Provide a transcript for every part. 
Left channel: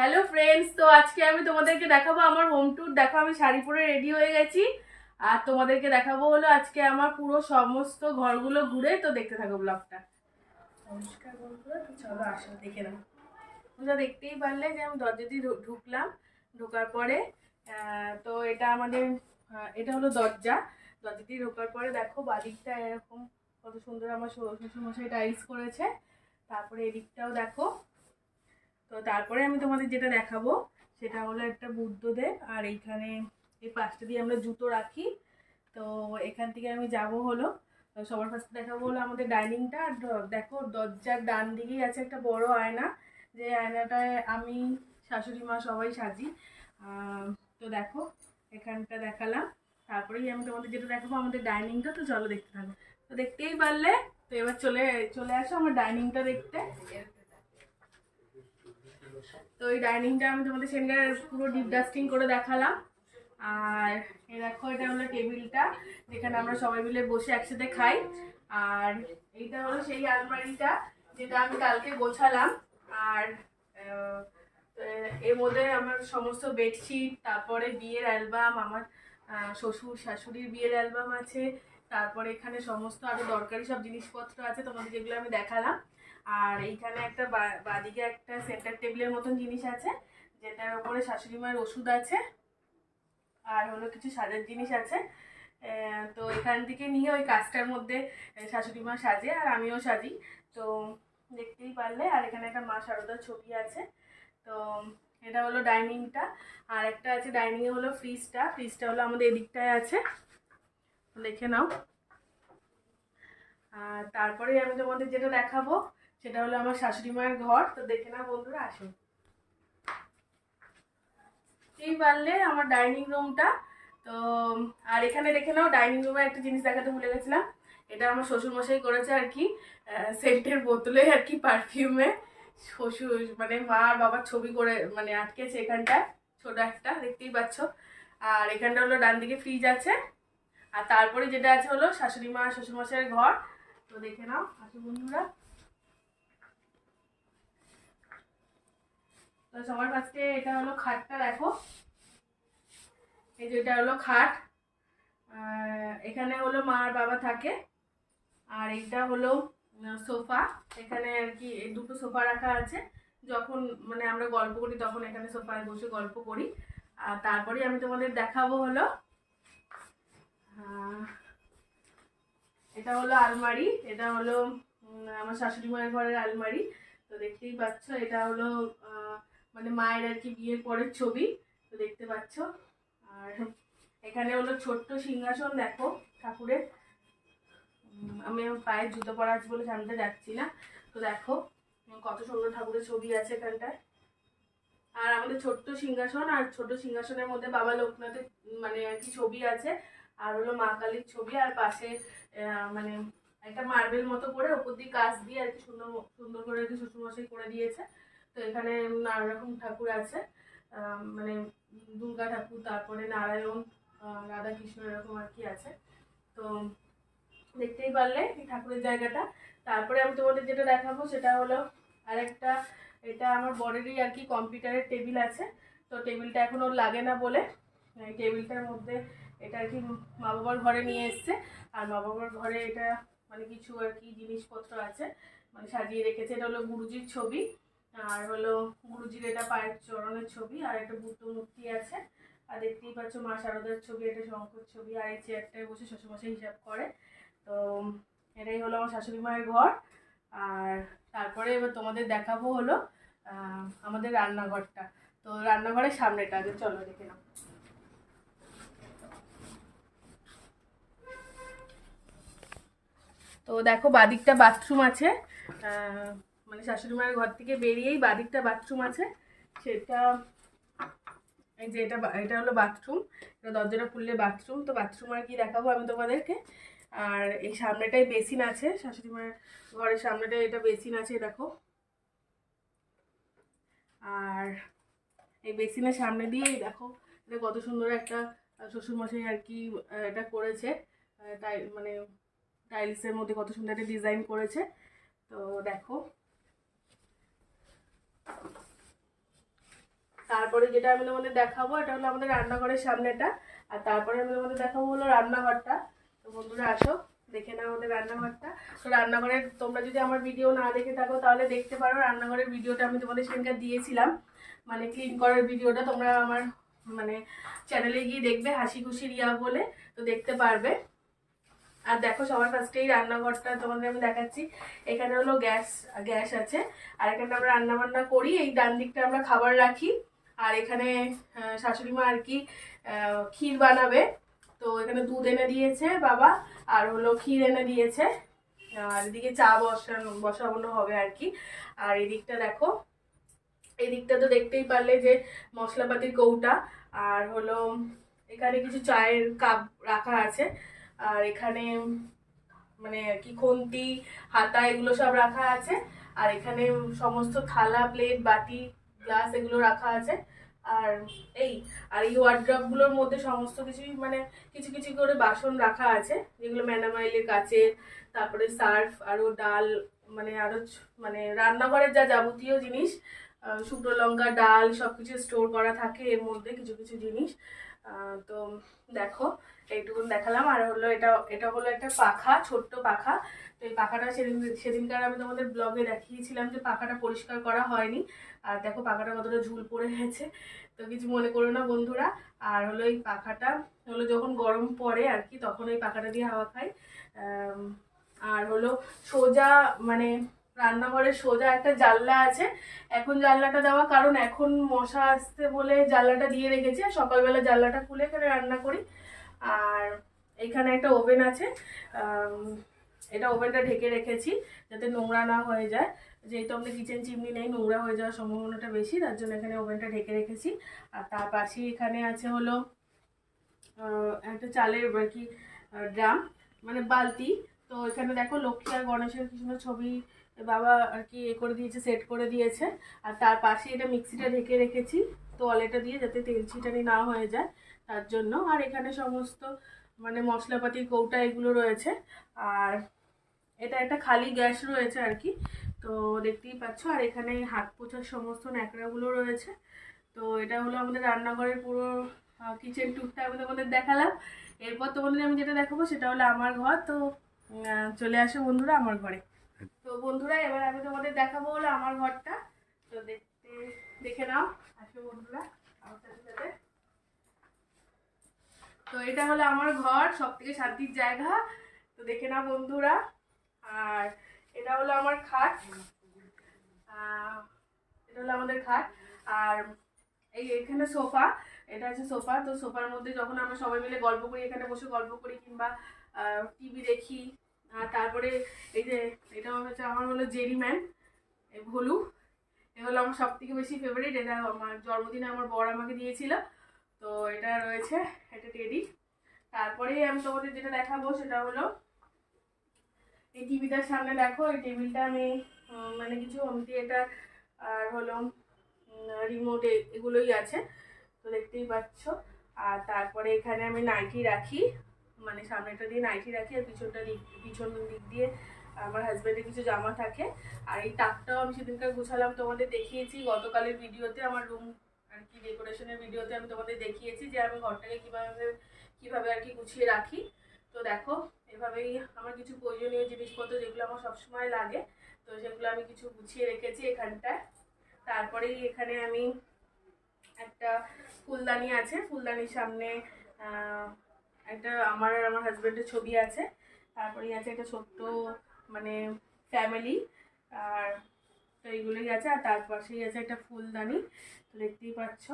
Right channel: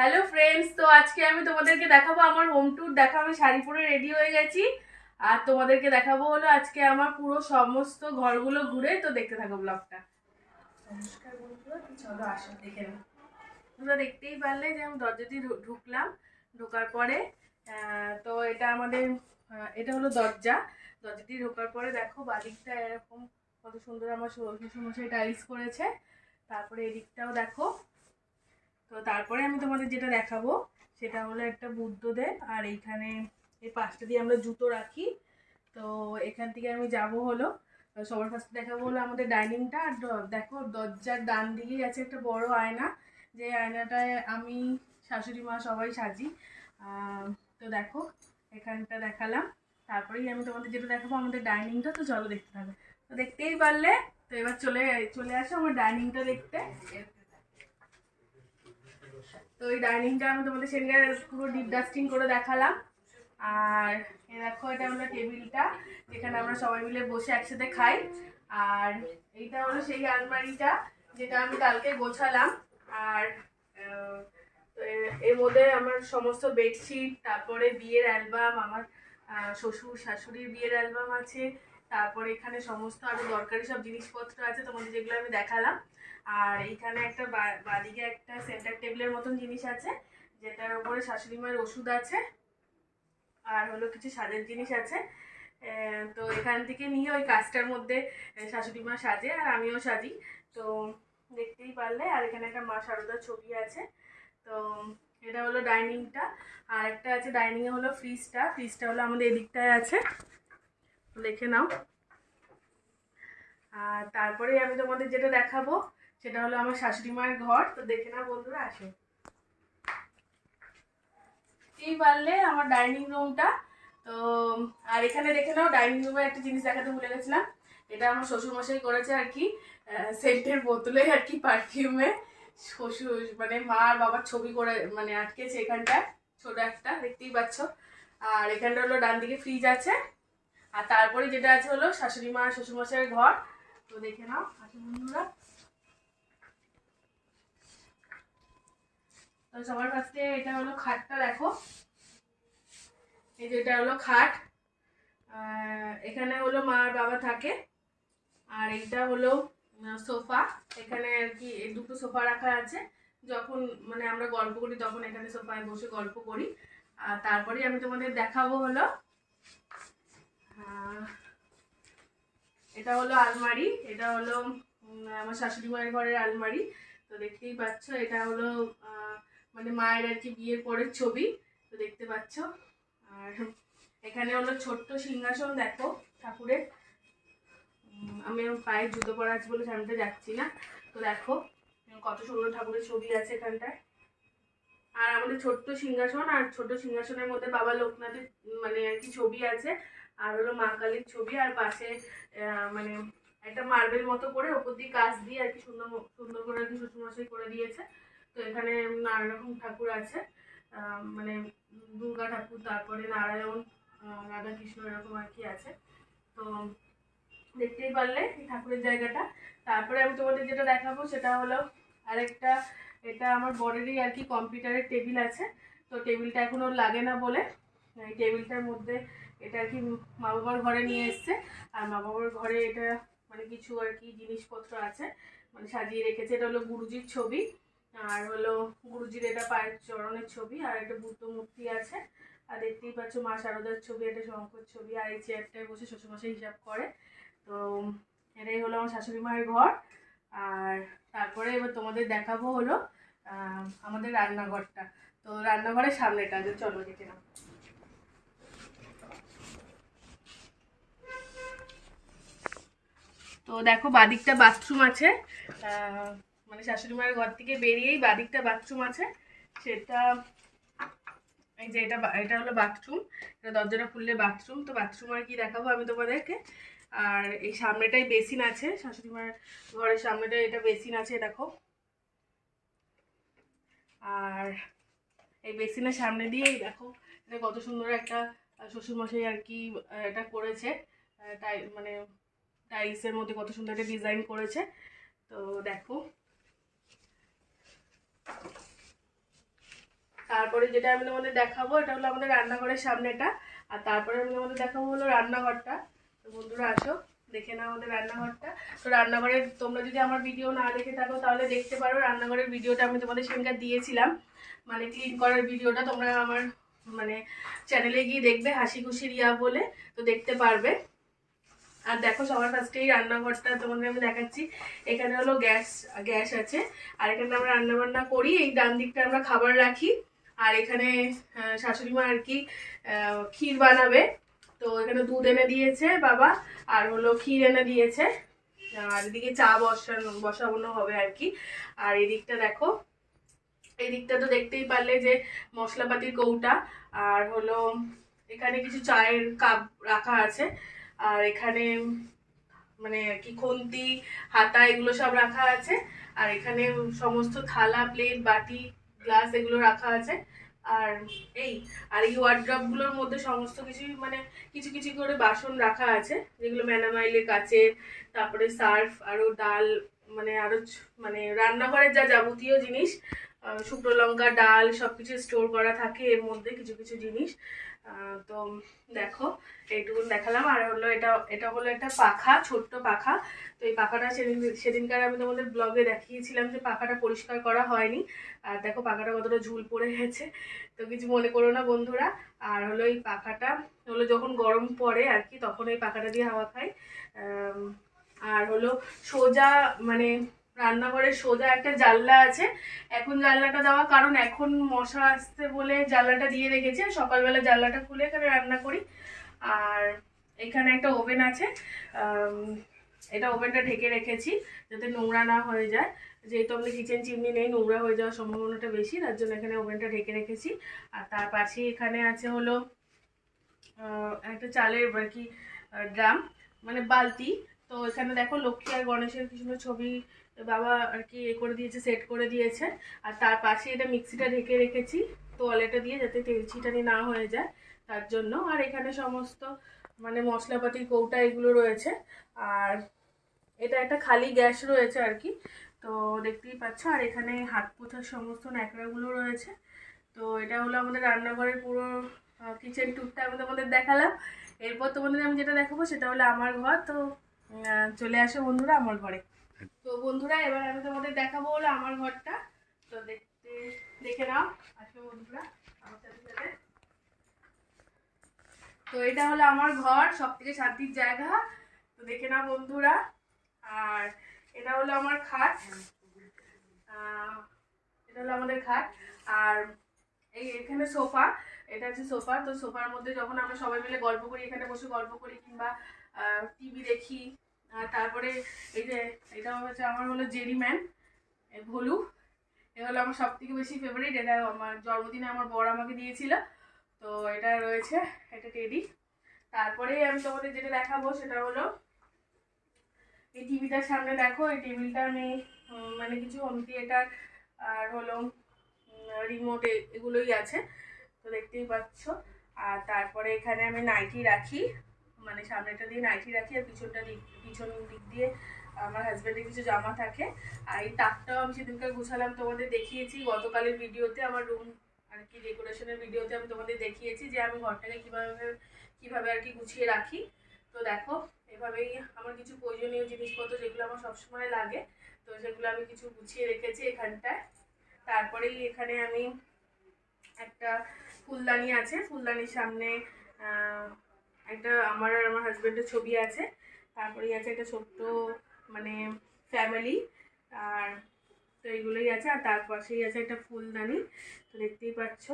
Hello friends তো আজকে আমি তোমাদেরকে দেখাবো আমার হোম ট্যুর দেখো, আমি শাড়ি পরে রেডি হয়ে গেছি। আর তোমাদেরকে দেখাবো হলো আজকে আমার পুরো সমস্ত ঘরগুলো ঘুরে। তো দেখতে থাকো ব্লগটা নমস্কার বন্ধুরা চলো আসো, দেখে নাও। তোমরা দেখতেই পারলে যে আমি দরজা দিয়ে ঢুকলাম। ঢোকার পরে তো এটা আমাদের এটা হলো দরজা। দরজা দিয়ে ঢোকার পরে দেখো, বাদিকটা এরকম কত সুন্দর আমার শ্বশুরমশাই টাইলস করেছে। তারপরে এদিকটাও দেখো তো তারপরে আমি তোমাদের যেটা দেখাবো, সেটা হলো একটা বুদ্ধদেব, আর এইখানে এই পাশটা দিয়ে আমরা জুতো রাখি। তো এখান থেকে আমি যাব হলো সবার ফার্স্টে দেখাবো হলো আমাদের ডাইনিংটা আর দেখো, দরজার ডান দিকেই আছে একটা বড় আয়না, যে আয়নাটায় আমি, শাশুড়ি মা সবাই সাজি। তো দেখো, এখানটা দেখালাম। তারপরেই আমি তোমাদের যেটা দেখাবো, আমাদের ডাইনিংটা তো চলো দেখতে থাকো। তো দেখতেই পারলে, তো এবার চলে চলে আসো আমার ডাইনিংটা দেখতে। তো ওই ডাইনিংটা আমি তোমাদের সেদিনকে পুরো ডিপ ডাস্টিং করে দেখালাম। আর এ দেখো, এটা হলো টেবিলটা, যেখানে আমরা সবাই মিলে বসে একসাথে খাই। আর এইটা হলো সেই আলমারিটা, যেটা আমি কালকে গোছালাম। আর এর মধ্যে আমার সমস্ত বেডশিট তারপরে বিয়ের অ্যালবাম আমার শ্বশুর শাশুড়ির বিয়ের অ্যালবাম আছে। তারপরে এখানে সমস্ত আরও দরকারি সব জিনিসপত্র আছে, তোমাদের যেগুলো আমি দেখালাম। আর এইখানে একটা বাদিকে একটা সেন্টার টেবিলের মতন জিনিস আছে, যেটার উপরে শাশুড়ি মায়ের ওষুধ আছে, আর হলো কিছু সাজার জিনিস আছে। তো এখান থেকে নিয়ে ওই কাজটার মধ্যে শাশুড়ি মা সাজে আর আমিও সাজি। তো দেখতেই পারলে, আর এখানে একটা মা শারদার ছবি আছে। তো এটা হলো ডাইনিংটা আর একটা আছে ডাইনিংয়ে হলো ফ্রিজটা ফ্রিজটা হলো আমাদের এদিকটায় আছে। দেখে নাও। আর তারপরে আমি তোমাদের যেটা দেখাবো সেটা হলো আমার শাশুড়ি মায়ের ঘর, তো দেখে নাও বন্ধুরা, আসো। এই পারলে আমার ডাইনিং রুমটা তো, আর এখানে দেখে নাও ডাইনিং রুমের একটা জিনিস দেখাতে ভুলে গেছিলাম। এটা আমার শ্বশুরমশাই করেছে আর কি সেন্টের বোতলে আর কি পারফিউমে শ্বশুর মানে মা আর বাবার ছবি করে মানে আটকেছে এখানটায়, ছোট একটা, দেখতেই পাচ্ছ। আর এখানটা হলো ডান দিকে ফ্রিজ আছে। আর তারপরে যেটা আছে হলো শাশুড়ি মা শ্বশুরমশাইয়ের ঘর। তো দেখে নাও, আসো বন্ধুরা। সবার কাছে এটা হলো খাটটা দেখো। এই যে এটা হলো খাট। এখানে হলো মা আর বাবা থাকে। আর এইটা হলো সোফা। এখানে আর কি এই দুটো সোফা রাখা আছে। যখন মানে আমরা গল্প করি, তখন এখানে সোফায় বসে গল্প করি। আর তারপরে আমি তোমাদের দেখাবো হলো এটা হলো আলমারি। এটা হলো আমার শাশুড়ি মায়ের ঘরের আলমারি। তো দেখতেই পাচ্ছ, এটা হলো মানে মায়ের আর কি বিয়ের পরের ছবি, তো দেখতে পাচ্ছ। আর এখানে হলো ছোট্ট সিংহাসন, দেখো, ঠাকুরের। আমি পায়ে জুতো পরা আছে বলে সামনে যাচ্ছি না। তো দেখো, কত সুন্দর ঠাকুরের ছবি আছে এখানটায়। আর আমাদের ছোট্ট সিংহাসন, আর ছোট সিংহাসনের মধ্যে বাবা লোকনাথের মানে আর কি ছবি আছে। আর হলো মা কালীর ছবি, আর পাশে মানে একটা মার্বেল মতো করে ওপর দিয়ে কাজ দিয়ে আর কি সুন্দর সুন্দর করে আর কি শ্বশুরমশাই করে দিয়েছে। তো এখানে নানা রকম ঠাকুর আছে মানে দুর্গা ঠাকুর, তারপরে নারায়ণ রাধা কৃষ্ণ এরকম আর কি আছে। তো দেখতেই পারলে এই ঠাকুরের জায়গাটা। তারপরে আমি তোমাদের যেটা দেখাবো সেটা হলো আরেকটা, এটা আমার বরেরই আর কি কম্পিউটারের টেবিল আছে। তো টেবিলটা এখন ওর লাগে না বলে, এই টেবিলটার মধ্যে এটা আর কি মা বাবার ঘরে নিয়ে এসছে। আর মা বাবার ঘরে এটা মানে কিছু আর কি জিনিসপত্র আছে মানে সাজিয়ে রেখেছে। এটা হলো গুরুজির ছবি। আর হলো গুরুজির এটা পায়ের চরণের ছবি, আর একটা বুদ্ধ মূর্তি আছে। আর দেখতেই পাচ্ছ মা শারদার ছবি, একটা শঙ্কর ছবি, আর এই চেয়ারটায় বসে শ্বশুরমশাই হিসাব করে। তো এটাই হলো আমার শাশুড়ি মায়ের ঘর। আর তারপরে এবার তোমাদের দেখাবো হলো আমাদের রান্নাঘরটা। তো রান্নাঘরের সামনেটা, যে চলো দেখে নাও। তো দেখো, বাদিকটা বাথরুম আছে। মানে শাশুড়ি মায়ের ঘর থেকে বেরিয়েই বাদিকটা বাথরুম আছে। সেটা এই যে এটা এটা হলো বাথরুম এটা দরজাটা খুললে বাথরুম তো বাথরুম আর কি দেখাবো আমি তোমাদেরকে। আর এই সামনেটাই বেসিন আছে শাশুড়ি মায়ের ঘরের সামনেটায় এটা বেসিন আছে, দেখো। আর এই বেসিনের সামনে দিয়েই দেখো, এটা কত সুন্দর একটা শ্বশুরমশাই আর কি এটা করেছে। তাই মানে টাইলসের মধ্যে কত সুন্দর একটা ডিজাইন করেছে। তো দেখো তারপরে যেটা আমি তোমাদের দেখাবো, এটা হলো আমাদের রান্নাঘরের সামনেটা। আর তারপরে আমি তোমাদের দেখাবো হলো রান্নাঘরটা। তো বন্ধুরা আসো, দেখে নাও আমাদের রান্নাঘরটা। তো রান্নাঘরের তোমরা যদি আমার ভিডিও না দেখে থাকো, তাহলে দেখতে পারো রান্নাঘরের ভিডিওটা আমি তোমাদের সেখানকার দিয়েছিলাম। মানে ক্লিন করার ভিডিওটা তোমরা আমার মানে চ্যানেলে গিয়ে দেখবে হাসি খুশি রিয়া বলে, তো দেখতে পারবে। আর দেখো সবার ফার্স্টেই রান্নাঘরটা তোমাদের আমি দেখাচ্ছি। এখানে হলো গ্যাস গ্যাস আছে। আর এখানে আমরা রান্নাবান্না করি। এই ডান দিকটা আমরা খাবার রাখি। আর এখানে শাশুড়ি মা আর কি ক্ষীর বানাবে। তো এখানে দুধ এনে দিয়েছে বাবা, আর হলো ক্ষীর এনে দিয়েছে। আর এদিকে চা বসানো বসানো হবে আর কি। আর এদিকটা দেখো, এদিকটা তো দেখতেই পারলে যে মশলাপাতির কৌটা। আর হলো, এখানে কিছু চায়ের কাপ রাখা আছে। আর এখানে মানে কি, খুন্তি, হাতা, এগুলো সব রাখা আছে। আর এখানে সমস্ত থালা, প্লেট, বাটি, গ্লাস এগুলো রাখা আছে। আর এই আর এই ওয়ার্ড্রপগুলোর মধ্যে সমস্ত কিছুই মানে কিছু কিছু করে বাসন রাখা আছে, যেগুলো ম্যানামাইলের কাচের তারপরে সার্ফ আরও ডাল মানে আরও মানে রান্নাঘরের যা যাবতীয় জিনিস শুকনো লঙ্কা, ডাল সব কিছু স্টোর করা থাকে এর মধ্যে কিছু কিছু জিনিস। তো দেখো, এইটুকুন দেখালাম। আর হলো এটা এটা হলো একটা পাখা, ছোট্ট পাখা। তো এই পাখাটা সেদিন, সেদিনকার আমি তোমাদের ব্লগে দেখিয়েছিলাম যে পাখাটা পরিষ্কার করা হয়নি। আর দেখো পাখাটা কতটা ঝুল পড়ে গেছে। তো কিছু মনে করো না বন্ধুরা। আর হলো এই পাখাটা, হলো যখন গরম পড়ে আর কি, তখন এই পাখাটা দিয়ে হাওয়া খাই। আর হলো সোজা মানে রান্নাঘরের সোজা একটা জানলা আছে। এখন জানলাটা দেওয়া, কারণ এখন মশা আসতে বলে জানলাটা দিয়ে রেখেছে। সকালবেলা জানলাটা খুলে এখানে রান্না করি। আর এখানে একটা ওভেন আছে। এটা ওভেনটা ঢেকে রেখেছি যাতে নোংরা না হয়ে যায়। যেহেতু আমাদের কিচেন চিমনি নেই, নোংরা হয়ে যাওয়ার সম্ভাবনাটা বেশি, তার জন্য এখানে ওভেনটা ঢেকে রেখেছি। আর তার পাশেই এখানে আছে হলো একটা চালের আর কি ড্রাম মানে বালতি। তো এখানে দেখো লক্ষ্মী আর গণেশের কি সুন্দর ছবি, বাবা আর কি এ করে দিয়েছে সেট করে দিয়েছে। আর তার পাশে এটা মিক্সিটা ঢেকে রেখেছি, তোয়ালেটা দিয়ে যাতে তেল ছিটানি না হয়ে যায়, তার জন্য। আর এখানে সমস্ত মানে মশলাপাতির কৌটা এগুলো রয়েছে। আর এটা একটা খালি গ্যাস রয়েছে আর কি। তো দেখতেই পাচ্ছ, আর এখানে হাত পোছার সমস্ত ন্যাকড়াগুলো রয়েছে। তো এটা হলো আমাদের রান্নাঘরের পুরো কিচেন টুকটা আমি তোমাদের দেখালাম। এরপর তোমাদের আমি যেটা দেখাবো সেটা হলো আমার ঘর। তো চলে আসে বন্ধুরা আমার ঘরে। তো বন্ধুরা, এবার আমি তোমাদের দেখাবো হলো আমার ঘরটা। তো দেখতে, দেখে নাও আসো বন্ধুরা, আমার সাথে তো এটা হলো আমার ঘর সব থেকে শান্তির জায়গা। তো দেখে নাও বন্ধুরা। আমার খাট। এটা হলো আমাদের খাট। আর এই এখানে সোফা, এটা হচ্ছে সোফা। তো সোফার মধ্যে যখন আমরা সবাই মিলে গল্প করি, এখানে বসে গল্প করি কিংবা টিভি দেখি। তারপরে এই যে, এটা হচ্ছে আমার হলো জেরিম্যান ভলু। এ হলো আমার সব থেকে বেশি ফেভারিট এটা আমার জন্মদিনে আমার বর আমাকে দিয়েছিল। তো এটা রয়েছে এটা টেডি তারপরে আমি তোমাদের যেটা দেখাবো সেটা হলো এই টিভিটার সামনে দেখো, এই টেবিলটা আমি মানে কিছু হোম থিয়েটার আর হলো রিমোট এগুলোই আছে, তো দেখতেই পাচ্ছ। আর তারপরে এখানে আমি নাইটি রাখি মানে সামনেটা দিয়ে নাইটি রাখি, আর পিছনটা দিক, পিছন দিক দিয়ে আমার হাজব্যান্ডের কিছু জামা থাকে। আর এই তাকটাও আমি সেদিনকে গুছালাম, তোমাদের দেখিয়েছি। গতকালের ভিডিওতে আমার রুম আর কি ডেকোরেশনের ভিডিওতে আমি তোমাদের দেখিয়েছি যে আমি ঘরটাকে কীভাবে কীভাবে আর কি গুছিয়ে রাখি। তো দেখো এভাবেই আমার কিছু প্রয়োজনীয় জিনিসপত্র যেগুলো আমার সবসময় লাগে, তো সেগুলো আমি কিছু গুছিয়ে রেখেছি এখানটায়। তারপরেই এখানে আমি একটা ফুলদানি আছে। ফুলদানির সামনে একটা আমার আর আমার হাজব্যান্ডের ছবি আছে। তারপরেই আছে একটা ছোট্ট মানে ফ্যামিলি আর তো এইগুলোই আছে। আর তার পাশেই আছে একটা ফুলদানি। তো দেখতেই পাচ্ছ।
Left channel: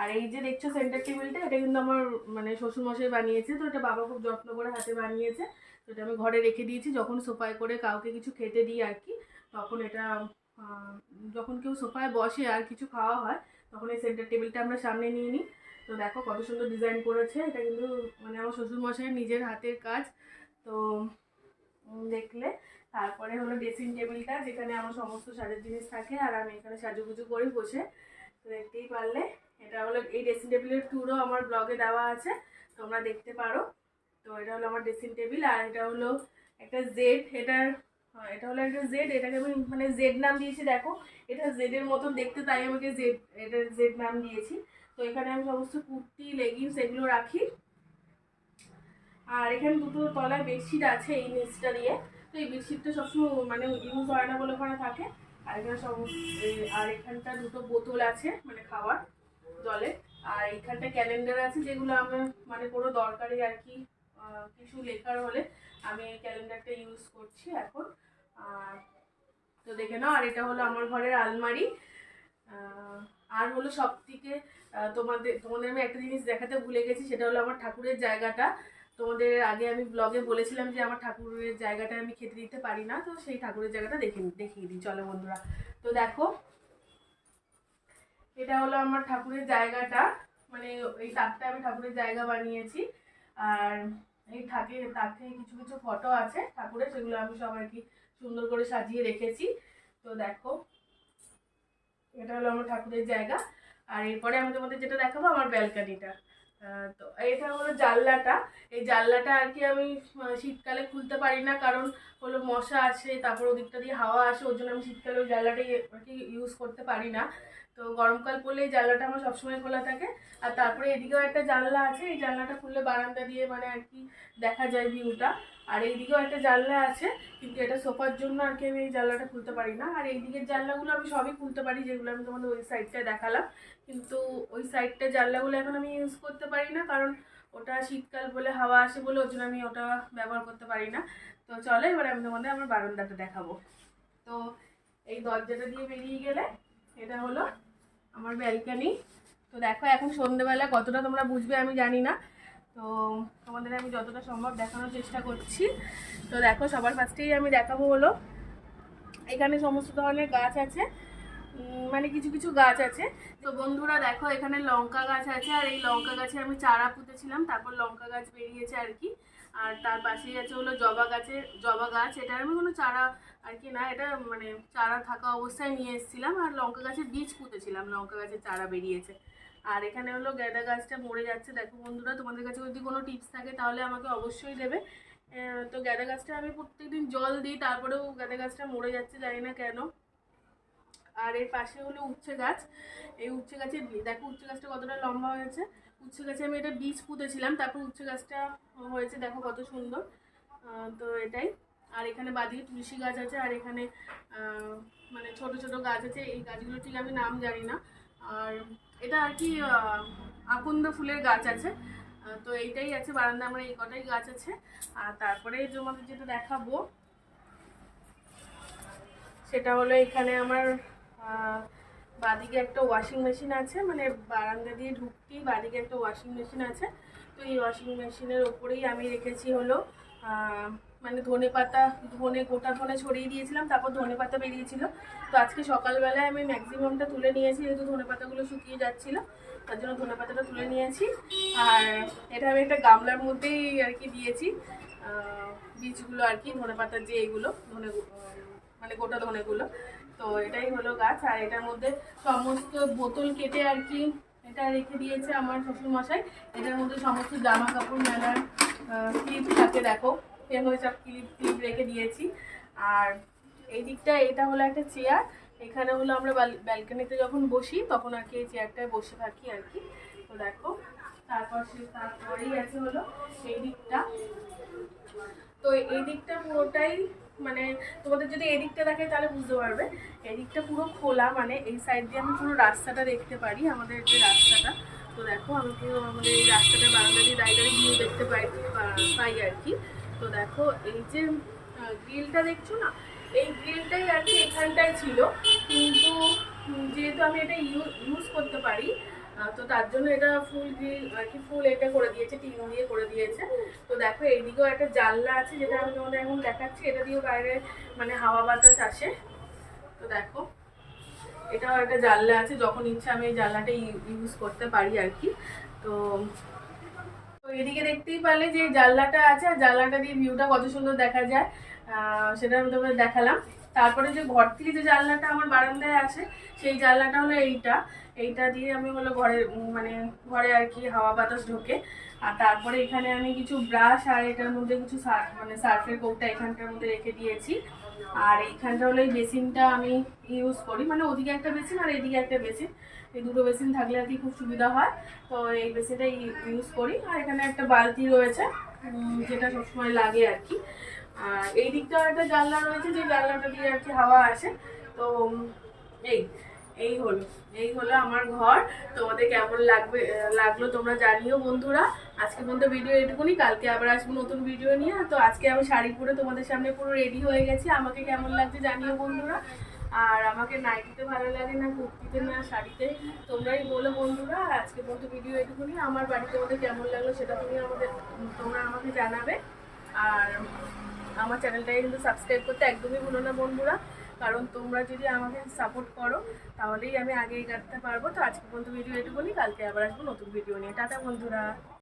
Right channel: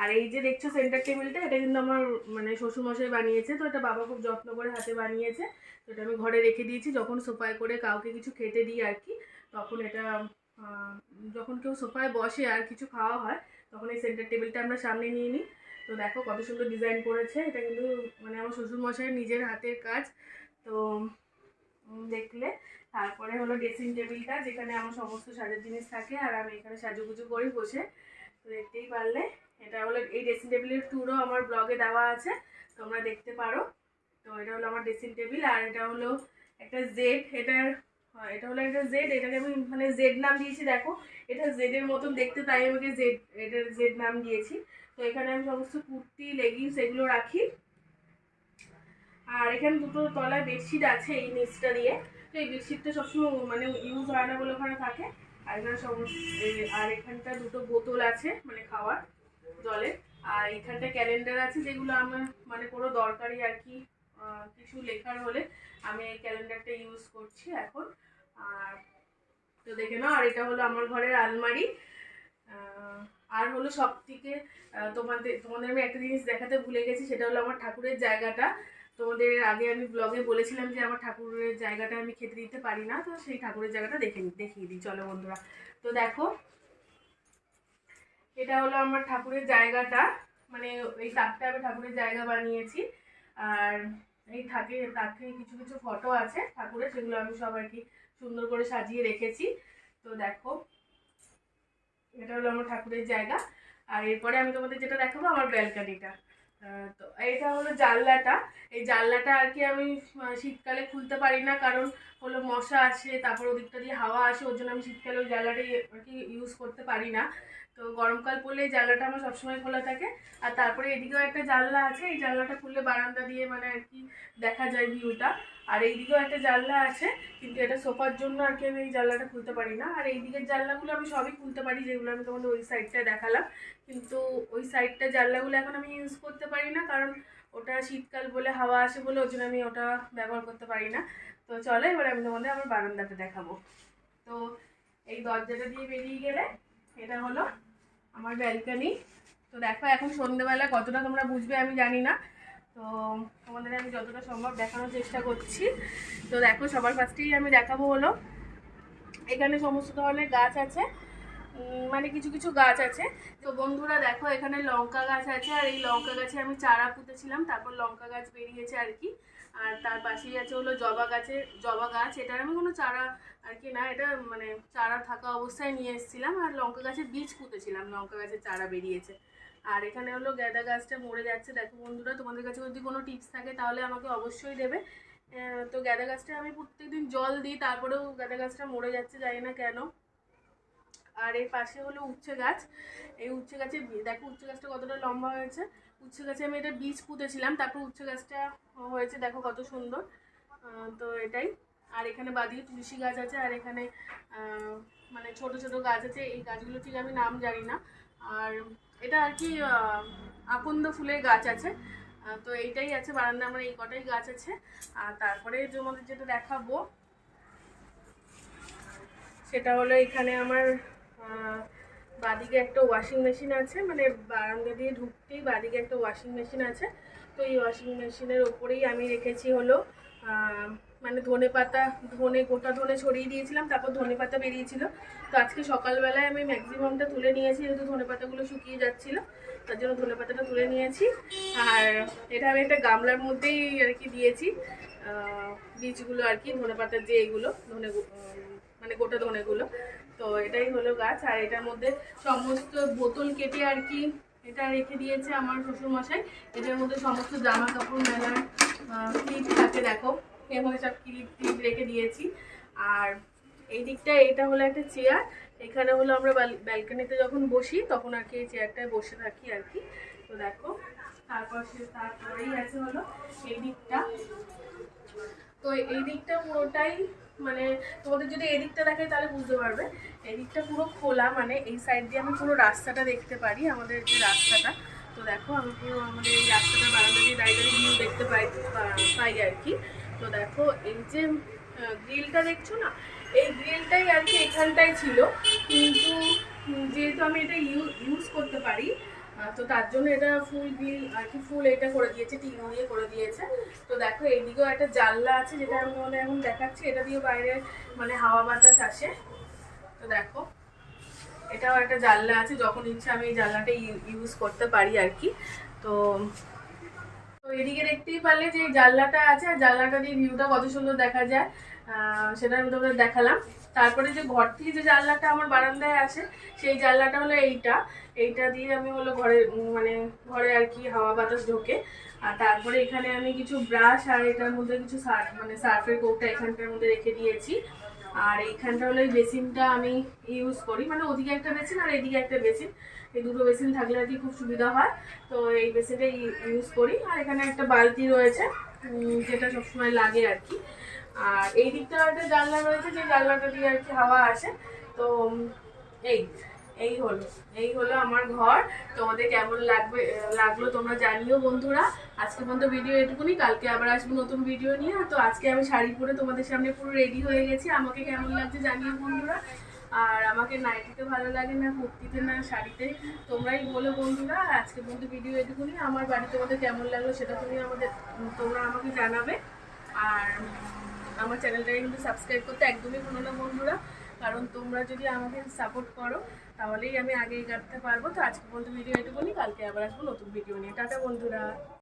আর এই যে দেখছ সেন্টার টেবিলটা এটা কিন্তু আমার মানে শ্বশুরমশাই বানিয়েছে, তো এটা বাবা খুব যত্ন করে হাতে বানিয়েছে। তো এটা আমি ঘরে রেখে দিয়েছি, যখন সোফায় করে কাউকে কিছু খেতে দিই আর কি, তখন এটা যখন কেউ সোফায় বসে আর কিছু খাওয়া হয়, তখন এই সেন্টার টেবিলটা আমরা সামনে নিয়ে নিই। তো দেখো কত সুন্দর ডিজাইন করেছে, এটা কিন্তু মানে আমার শ্বশুরমশাই নিজের হাতের কাজ। তো দেখলে, তারপরে হলো ড্রেসিং টেবিলটা যেখানে আমার সমস্ত সাজের জিনিস থাকে, আর আমি এখানে সাজুগুজু করি বসে। তো দেখতেই পারলে এটা হলো এই ড্রেসিং টেবিলের ট্যুরও আমার ব্লগে দেওয়া আছে তোমরা দেখতে পারো। তো এটা হলো আমার ড্রেসিং টেবিল আর এটা হলো একটা জেড এটার হ্যাঁ, এটা হলো একটা জেড এটাকে আমি মানে জেড নাম দিয়েছি দেখো। এটা জেডের মতন দেখতে তাই আমাকে জেড এটার জেড নাম দিয়েছি। তো এখানে আমি সমস্ত কুর্তি লেগিংস এগুলো রাখি। আর এখানে দুটো তলায় বেডশিট আছে এই নিচটা দিয়ে। তো এই বেডশিটটা সবসময় মানে ইউজ হয় না বলে ওখানে থাকে। আর এখানে সমস্ত আর এখানটা দুটো বোতল আছে মানে খাওয়ার। জলের আর এখানটা ক্যালেন্ডার আছে যেগুলো আমার মানে কোনো দরকারি আর কি কিছু লেখার হলে আমি এই ক্যালেন্ডারটা ইউজ করছি এখন। আর তো দেখে নাও, আর এটা হলো আমার ঘরের আলমারি। আর হলো সব থেকে তোমাদের তোমাদের আমি একটা জিনিস দেখাতে ভুলে গেছি, সেটা হলো আমার ঠাকুরের জায়গাটা। তোমাদের আগে আমি ব্লগে বলেছিলাম যে আমার ঠাকুরের জায়গাটা আমি খেতে দিতে পারি না, তো সেই ঠাকুরের জায়গাটা দেখে, দেখিয়ে দিই। চলো বন্ধুরা, তো দেখো এটা হলো আমার ঠাকুরের জায়গাটা। মানে এই তাকটা আমি ঠাকুরের জায়গা বানিয়েছি। আর এই থাকে তাকে কিছু কিছু ফটো আছে ঠাকুরের, সেগুলো আমি সব আর কি সুন্দর করে সাজিয়ে রেখেছি। তো দেখো, এটা হলো আমার ঠাকুরের জায়গা। আর এরপরে আমি তোমাদের যেটা দেখাবো, আমার ব্যালকানিটা তো এটা হলো জানলাটা। এই জানলাটা আর কি আমি শীতকালে খুলতে পারি না, কারণ হলো মশা আসে, তারপর ওদিকটা দিয়ে হাওয়া আসে, ওর জন্য আমি শীতকালে ওই জানলাটাই আর কি ইউজ করতে পারি না। তো গরমকাল পড়লে এই জানলাটা আমার সবসময় খোলা থাকে। আর তারপরে এদিকেও একটা জানলা আছে, এই জানলাটা খুললে বারান্দা দিয়ে মানে আর কি দেখা যায় ভিউটা আর এইদিকেও একটা জানলা আছে, কিন্তু এটা সোফার জন্য আর কি আমি এই জানলাটা খুলতে পারি না। আর এই দিকের জানলাগুলো আমি সবই খুলতে পারি, যেগুলো আমি তোমাদের ওই সাইডটা দেখালাম। কিন্তু ওই সাইডটা জানলাগুলো এখন আমি ইউজ করতে পারি না, কারণ ওটা শীতকাল বলে হাওয়া আসে বলে ওই জন্য আমি ওটা ব্যবহার করতে পারি না। তো চলো এবার আমি তোমাদের আমার বারান্দাটা দেখাবো। তো এই দরজাটা দিয়ে বেরিয়ে গেলে এটা হলো আমার ব্যালকানি তো দেখো, এখন সন্ধ্যেবেলা কতটা তোমরা বুঝবে আমি জানি না। তো তোমাদের আমি যতটা সম্ভব দেখানোর চেষ্টা করছি। তো দেখো, সবার ফার্স্টেই আমি দেখাবো হলো। এখানে সমস্ত ধরনের গাছ আছে। মানে কিছু কিছু গাছ আছে। তো বন্ধুরা দেখো, এখানে লঙ্কা গাছ আছে। আর এই লঙ্কা গাছে আমি চারা পুঁতেছিলাম, তারপর লঙ্কা গাছ বেরিয়েছে আর কি। আর তার পাশেই আছে হলো জবা গাছের, জবা গাছ। এটার আমি কোনো চারা আর কি না, এটা মানে চারা থাকা অবস্থায় নিয়ে এসেছিলাম। আর লঙ্কা গাছের বীজ পুঁতেছিলাম, লঙ্কা গাছের চারা বেরিয়েছে। আর এখানে হলো গাঁদা গাছটা মরে যাচ্ছে। দেখো বন্ধুরা, তোমাদের কাছে যদি কোনো টিপস থাকে তাহলে আমাকে অবশ্যই দেবে। তো গাঁদা গাছটা আমি প্রত্যেকদিন জল দিই, তারপরেও গাঁদা গাছটা মরে যাচ্ছে, জানি না কেন। আর এর পাশে হলো উচ্ছে গাছ। এই উচ্ছে গাছের দেখো উচ্ছে গাছটা কতটা লম্বা হয়েছে। উচ্ছে গাছে আমি এটা বীজ পুঁতেছিলাম, তারপর উচ্ছে গাছটা হয়েছে, দেখো কত সুন্দর। তো এটাই। আর এখানে বাদিকে তুলসী গাছ আছে, আর এখানে মানে ছোট ছোট গাছ আছে, এই গাছগুলো ঠিক আমি নাম জানি না। আর এটা আর কি আকন্দ ফুলের গাছ আছে। তো এইটাই আছে বারান্দা আমার এই কটাই গাছ আছে। আর তারপরে তোমাদের যেটা দেখাবো, সেটা হলো এখানে আমার বাদিকে একটা ওয়াশিং মেশিন আছে মানে বারান্দা দিয়ে ঢুকতেই বাদিকে একটা ওয়াশিং মেশিন আছে। তো এই ওয়াশিং মেশিনের ওপরেই আমি রেখেছি হলো মানে ধনে পাতা, ধনে, গোটা ধনে ছড়িয়ে দিয়েছিলাম, তারপর ধনে পাতা বেরিয়েছিল। তো আজকে সকালবেলায় আমি ম্যাক্সিমামটা তুলে নিয়েছি, যেহেতু ধনে পাতাগুলো শুকিয়ে যাচ্ছিল, তার জন্য ধনে পাতাটা তুলে নিয়েছি। আর এটা আমি একটা গামলার মধ্যেই আর কি দিয়েছি বীজগুলো আর কি, ধনে পাতার যে এগুলো, ধনে মানে গোটা ধনেগুলো। তো এটাই হলো গাছ, আর এটার মধ্যে সমস্ত বোতল কেটে আর কি এটা রেখে দিয়েছে আমার শ্বশুরমশাই। এটার মধ্যে সমস্ত জামা কাপড় মেলার ক্লিপ থাকে, দেখো এর সব ক্লিপ ক্লিপ রেখে দিয়েছি। আর এই দিকটা, এটা হলো একটা চেয়ার এখানে হলো আমরা ব্যালকনিতে যখন বসি, তখন আর কি এই চেয়ারটায় বসে থাকি আর কি। তো দেখো, তারপর সে, তারপরেই আছে হলো এই দিকটা। তো এই দিকটা পুরোটাই মানে তোমাদের যদি এদিকটা দেখে তাহলে বুঝতে পারবে। এদিকটা পুরো খোলা মানে এই সাইড দিয়ে আমি পুরো রাস্তাটা দেখতে পারি, আমাদের যে রাস্তাটা। তো দেখো, আমি পুরো আমাদের এই রাস্তাটা দাঁড়িয়ে দাঁড়িয়ে ভিউ দেখতে পাই পাই আর কি। তো দেখো, এই যে গ্রিলটা দেখছ না? এই গ্রিলটাই আর কি এখানটাই ছিল। কিন্তু যেহেতু আমি এটা ইউজ করতে পারি তো তার জন্য এটা ফুল গ্রিল আর কি ফুল এটা করে দিয়েছে, টিন দিয়ে করে দিয়েছে। তো দেখো, এইদিকেও একটা জানলা আছে যেটা আমি তোমাদের এখন দেখাচ্ছি, এটা দিয়েও বাইরে মানে হাওয়া বাতাস আসে। তো দেখো, এটাও একটা জানলা আছে, যখন ইচ্ছা আমি এই জানলাটা ইউজ করতে পারি আর কি। তো তো এদিকে দেখতেই পারলে যে জানলাটা আছে, আর জানলাটা দিয়ে ভিউটা কত সুন্দর দেখা যায়। সেটা আমি তোমাদের দেখালাম। তারপরে যে ঘর থেকে যে জানলাটা আমার বারান্দায় আছে, সেই জানলাটা হলো এইটা। এইটা দিয়ে আমি হলো ঘরে মানে ঘরে আর কি হাওয়া বাতাস ঢোকে। আর তারপরে এখানে আমি কিছু ব্রাশ আর এটার মধ্যে কিছু মানে সার্ফের কৌটা এখানটার মধ্যে রেখে দিয়েছি। আর এইখানটা হলো এই বেসিনটা আমি ইউজ করি। মানে ওদিকে একটা বেসিন আর এদিকে একটা বেসিন। এই দুটো বেসিন থাকলে আর খুব সুবিধা হয়। তো এই বেসিনটা ইউজ করি। আর এখানে একটা বালতি রয়েছে যেটা সবসময় লাগে আর কি। আর এই দিকটা একটা জানলা রয়েছে, যে জানলাটা দিয়ে আর কি হাওয়া আসে তো, এই এই হলো এই হলো আমার ঘর। তোমাদের কেমন লাগবে, লাগল তোমরা জানিও বন্ধুরা। আজকে পর্যন্ত ভিডিও এটুকুনি। কালকে আবার আসব নতুন ভিডিও নিয়ে। তো আজকে আমি শাড়ি পরে তোমাদের সামনে পুরো রেডি হয়ে গেছি। আমাকে কেমন লাগছে জানিও বন্ধুরা। আর আমাকে নাইটিতে ভালো লাগে না, কুর্তিতে না, শাড়িতে। তোমরাই বলো বন্ধুরা, আজকে পর্যন্ত ভিডিও এটুকুনি। আমার বাড়ি তোমাদের কেমন লাগল সেটা তুমি আমাদের, তোমরা আমাকে জানাবে। আর আমার চ্যানেলটাকে কিন্তু সাবস্ক্রাইব করতে একদমই ভুলো না বন্ধুরা। কারণ তোমরা যদি আমাকে সাপোর্ট করো, তাহলেই আমি আগে এগাতে পারব। তো আজকে পর্যন্ত ভিডিও এটুকুনি। কালকে আবার আসব নতুন ভিডিও নিয়ে। টাটা বন্ধুরা।